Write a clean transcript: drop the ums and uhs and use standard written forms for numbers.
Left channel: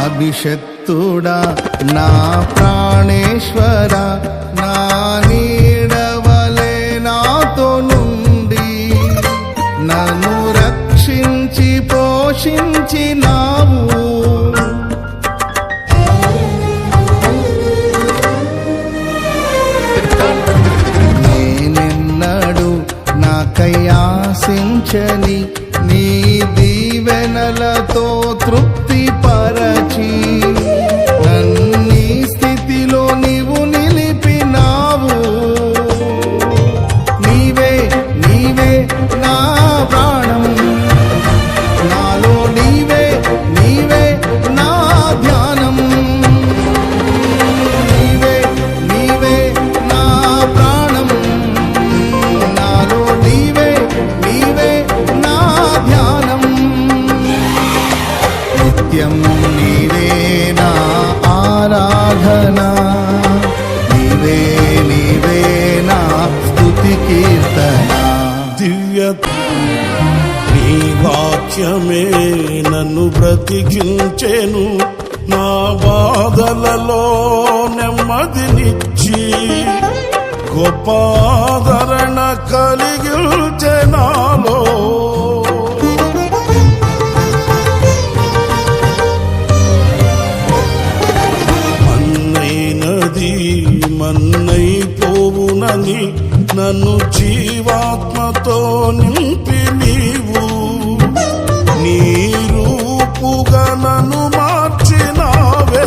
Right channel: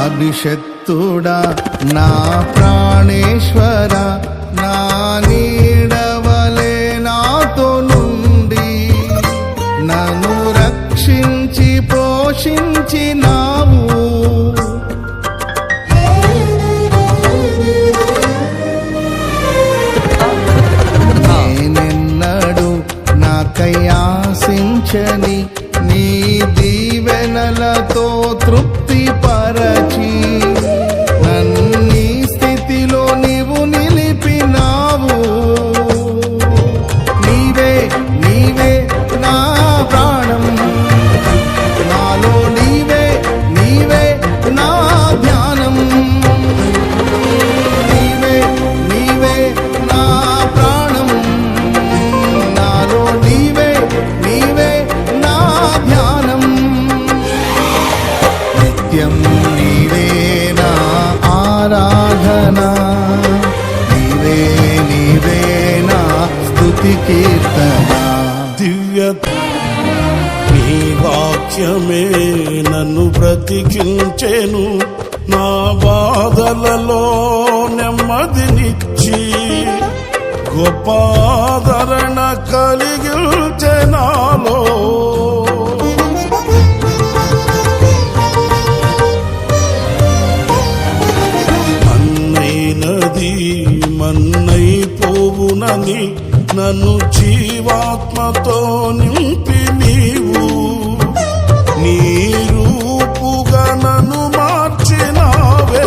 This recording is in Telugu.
అభిషక్తుడా నా ప్రాణేశ్వర, నా నీడవలే నాతో నుండి నన్ను రక్షించి పోషించినావు. నేనెన్నడు నాకై ఆశించని నీ దీవెనలతో తృప్తి పరచి నన్నీ స్థితిలో నీవు నిలిపినావు. నీవే నీవే నా ప్రాణం, నాలో నీవే నీవే నా ధ్యానం. నీవే నీవే నా ప్రాణం, నాలో నీవే నీవే నా ధ్యానం. నిత్యం నీవే నా ఆరాధన, నీవే నీవే నా స్తుతి కీర్తన. దివ్య నీ వాక్యమే నన్ను బ్రతికించెను, నా బాధలలో నెమ్మదినిచ్చి గొప్ప ఆదరణ కలిగించె నాలో. మన్నైనది మన్నైపోవునని నన్ను జీవాత్మతో నింపి నీవు నీ రూపుగా నన్ను మార్చినావే.